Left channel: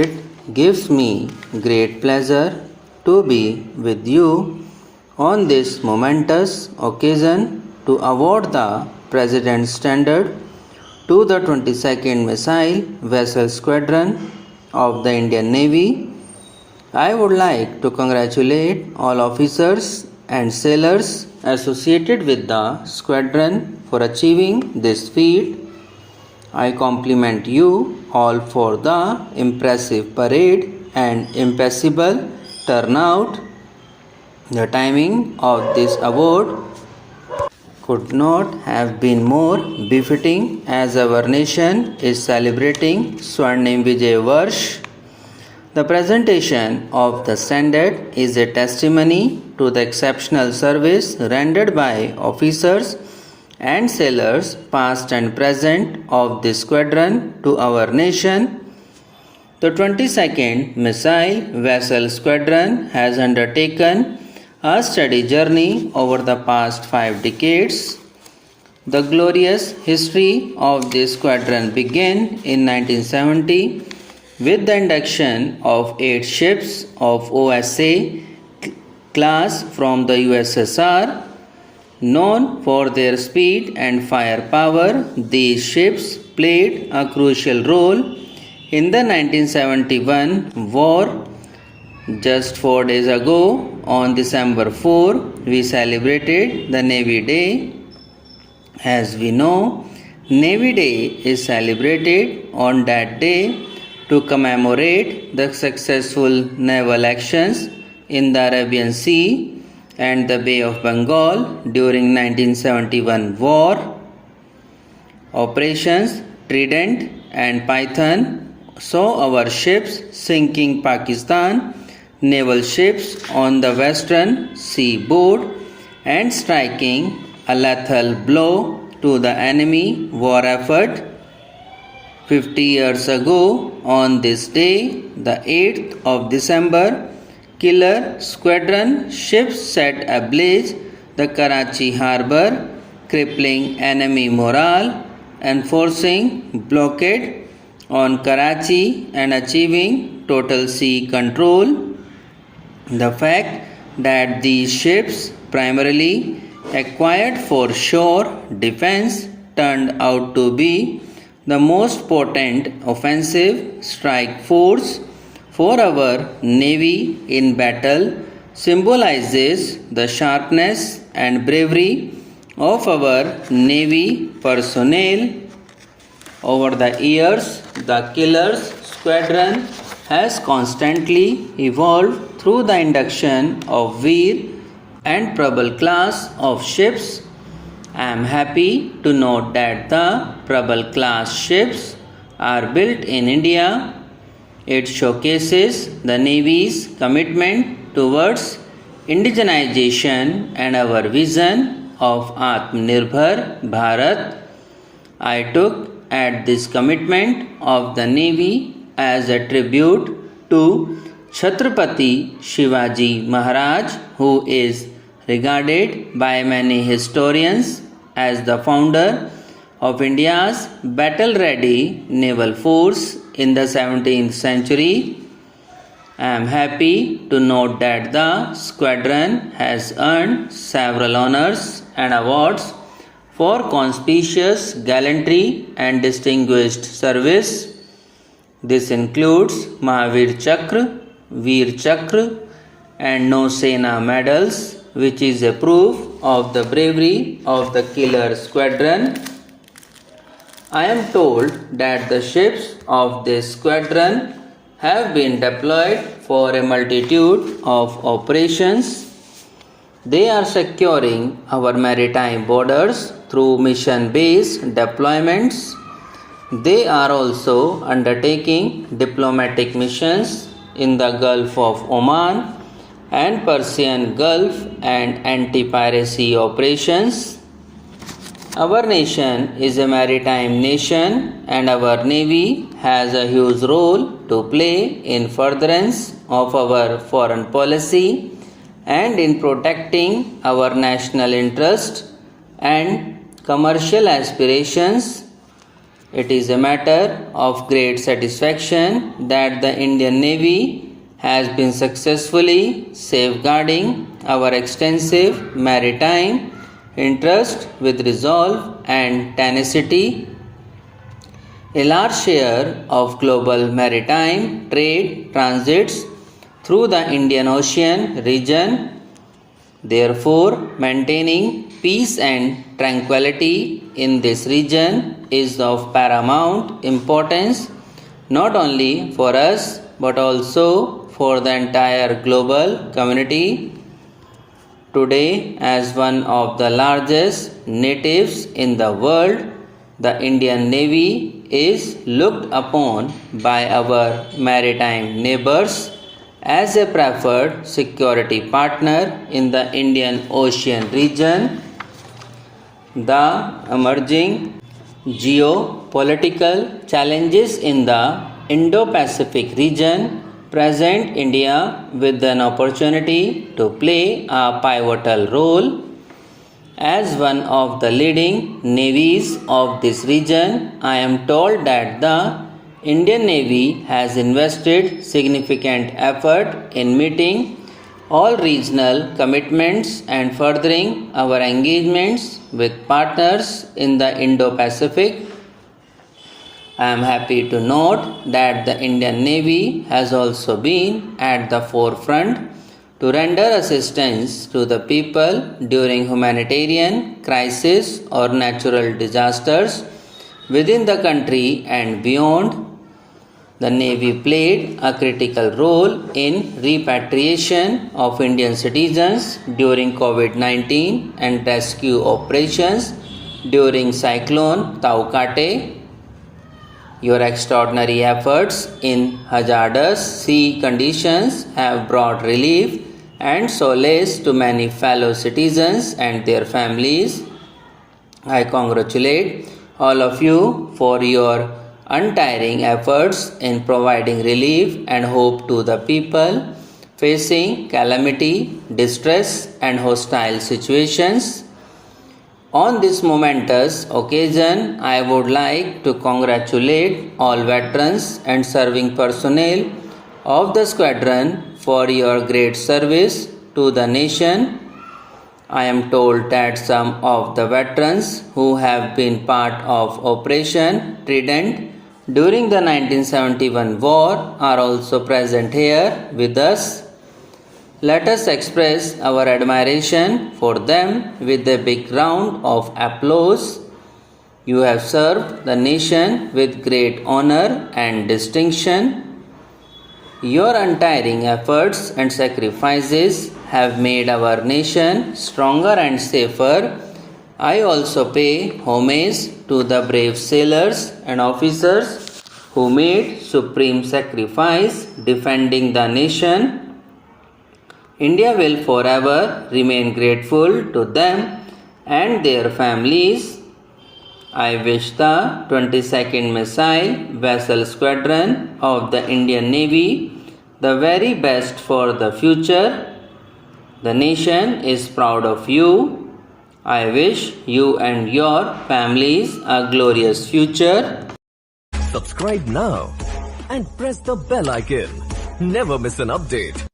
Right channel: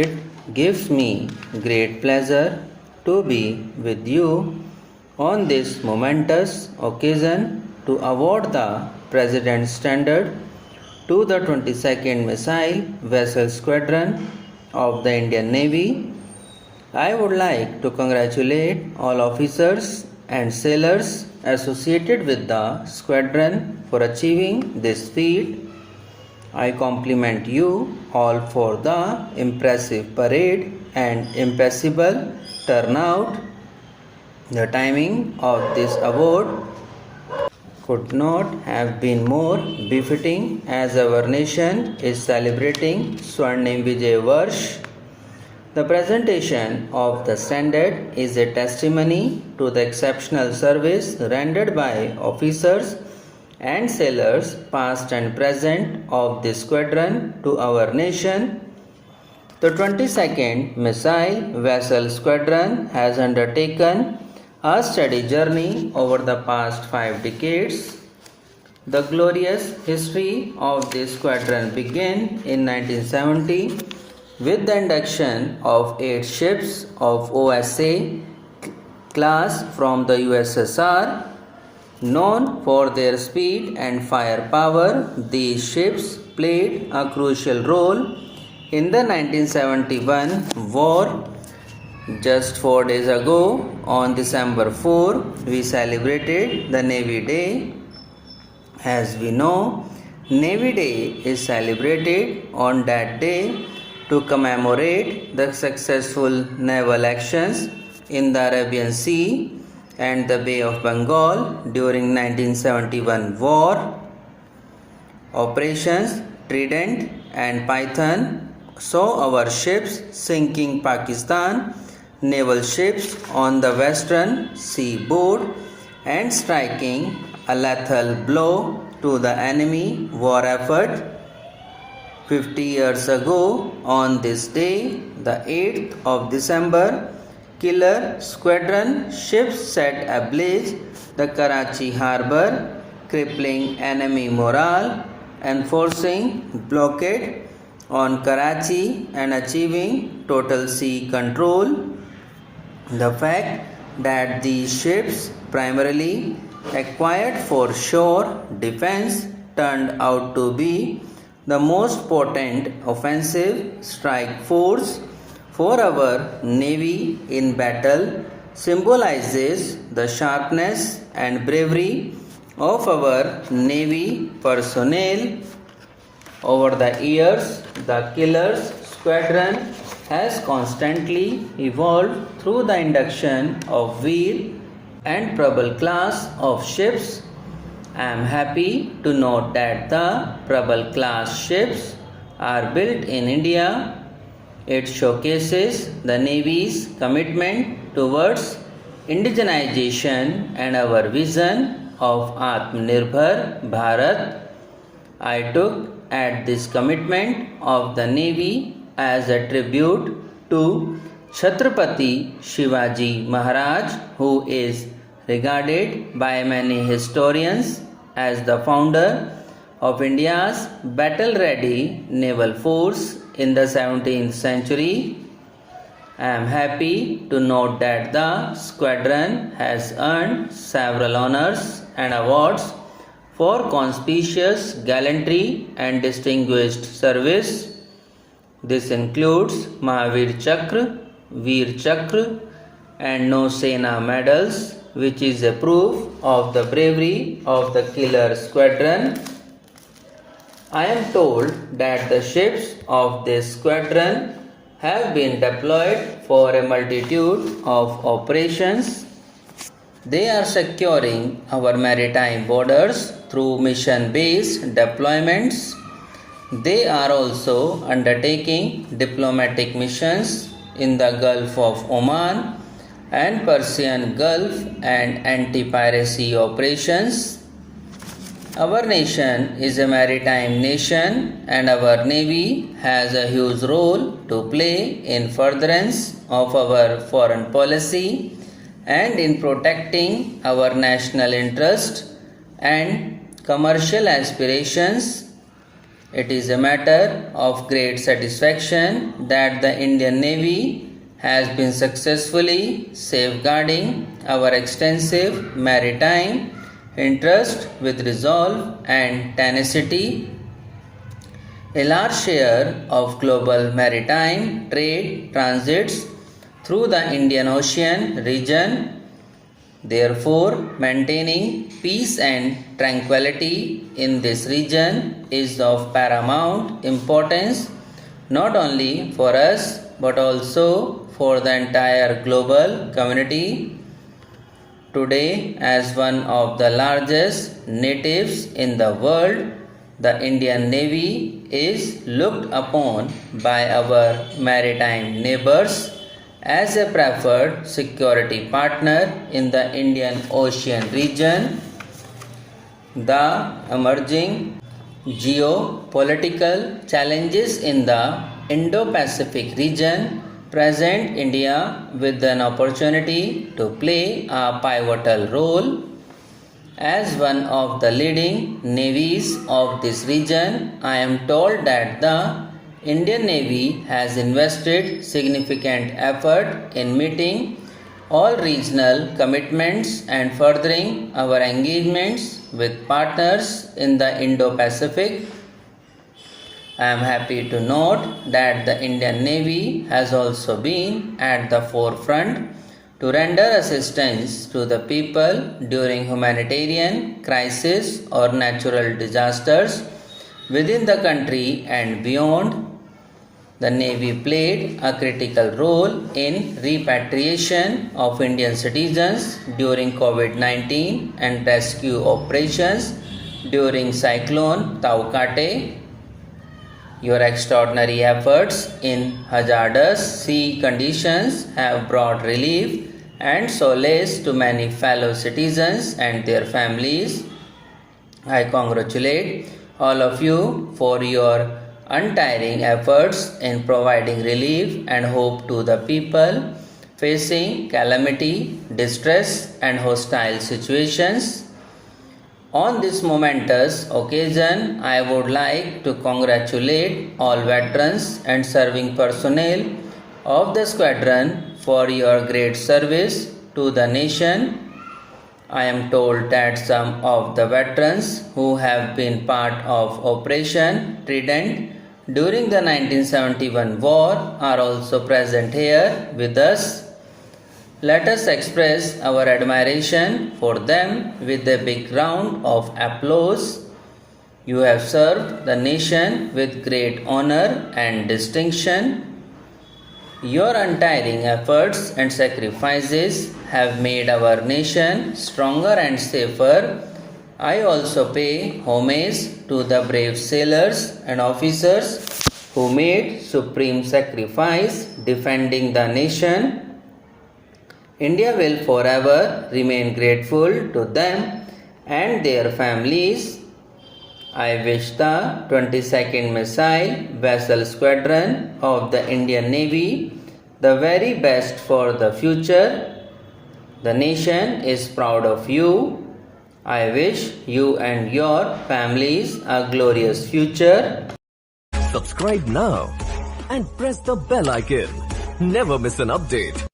It gives me great pleasure to be with you on this momentous occasion to award the President's Standard to the 22nd Missile Vessel Squadron of the Indian Navy. I would like to congratulate all officers and sailors associated with the squadron for achieving this feat. I compliment you all for the impressive parade and impeccable turnout. The timing of this award could not have been more befitting as our nation is celebrating Swarnim Vijay Varsh. The presentation of the standard is a testimony to the exceptional service rendered by officers and sailors past and present of this squadron to our nation. The 22nd Missile Vessel Squadron has undertaken a steady journey over the past 5 decades. The glorious history of this squadron began in 1970 with the induction of 8 ships of OSA class from the USSR. Known for their speed and firepower, these ships played a crucial role in the 1971 war. Just 4 days ago, on December 4, we celebrated the Navy Day. As we know, Navy Day is celebrated on that day to commemorate the successful naval actions in the Arabian Sea and the Bay of Bengal during 1971 war. Operations Trident and Python saw our ships sinking Pakistan naval ships on the western seaboard and striking a lethal blow to the enemy war effort. 50 years ago, on this day, the 8th of December, killer squadron ships set ablaze the Karachi harbour, crippling enemy morale, enforcing blockade on Karachi and achieving total sea control. The fact that these ships, primarily acquired for shore defense, turned out to be the most potent offensive strike force for our Navy in battle symbolizes the sharpness and bravery of our Navy personnel. Over the years, the Killers Squadron has constantly evolved through the induction of Veer and Prabal class of ships. I am happy to note that the Prabal class ships are built in India. It showcases the Navy's commitment towards indigenization and our vision of Atmanirbhar Bharat. I took at this commitment of the Navy as a tribute to Chhatrapati Shivaji Maharaj, who is regarded by many historians as the founder of India's battle-ready naval force in the 17th century. I am happy to note that the squadron has earned several honors and awards for conspicuous gallantry and distinguished service. This includes Mahavir Chakra, Veer Chakra and Nausena medals, which is a proof of the bravery of the killer squadron. I am told that the ships of this squadron have been deployed for a multitude of operations. They are securing our maritime borders through mission-based deployments. They are also undertaking diplomatic missions in the Gulf of Oman and Persian Gulf and anti-piracy operations. Our nation is a maritime nation and our Navy has a huge role to play in furtherance of our foreign policy and in protecting our national interest and commercial aspirations. It is a matter of great satisfaction that the Indian Navy has been successfully safeguarding our extensive maritime interest with resolve and tenacity. A large share of global maritime trade transits through the Indian Ocean region. Therefore, maintaining peace and tranquility in this region is of paramount importance not only for us but also for the entire global community. Today, as one of the largest natives in the world, the Indian Navy is looked upon by our maritime neighbors as a preferred security partner in the Indian Ocean region. The emerging geopolitical challenges in the Indo-Pacific region present India with an opportunity to play a pivotal role. As one of the leading navies of this region, I am told that the Indian Navy has invested significant effort in meeting all regional commitments and furthering our engagements with partners in the Indo-Pacific. I am happy to note that the Indian Navy has also been at the forefront to render assistance to the people during humanitarian crises or natural disasters within the country and beyond. The Navy played a critical role in repatriation of Indian citizens during COVID-19 and rescue operations during Cyclone Taukate. Your extraordinary efforts in hazardous sea conditions have brought relief and solace to many fellow citizens and their families. I congratulate all of you for your untiring efforts in providing relief and hope to the people facing calamity, distress, and hostile situations. On this momentous occasion, I would like to congratulate all veterans and serving personnel of the squadron for your great service to the nation. I am told that some of the veterans who have been part of Operation Trident during the 1971 war are also present here with us. Let us express our admiration for them with a big round of applause. You have served the nation with great honor and distinction. Your untiring efforts and sacrifices have made our nation stronger and safer. I also pay homage to the brave sailors and officers who made supreme sacrifice defending the nation. India will forever remain grateful to them and their families. I wish the 22nd Missile Vessel Squadron of the Indian Navy the very best for the future. The nation is proud of you. I wish you and your families a glorious future. Subscribe now and press the bell icon. Never miss an update.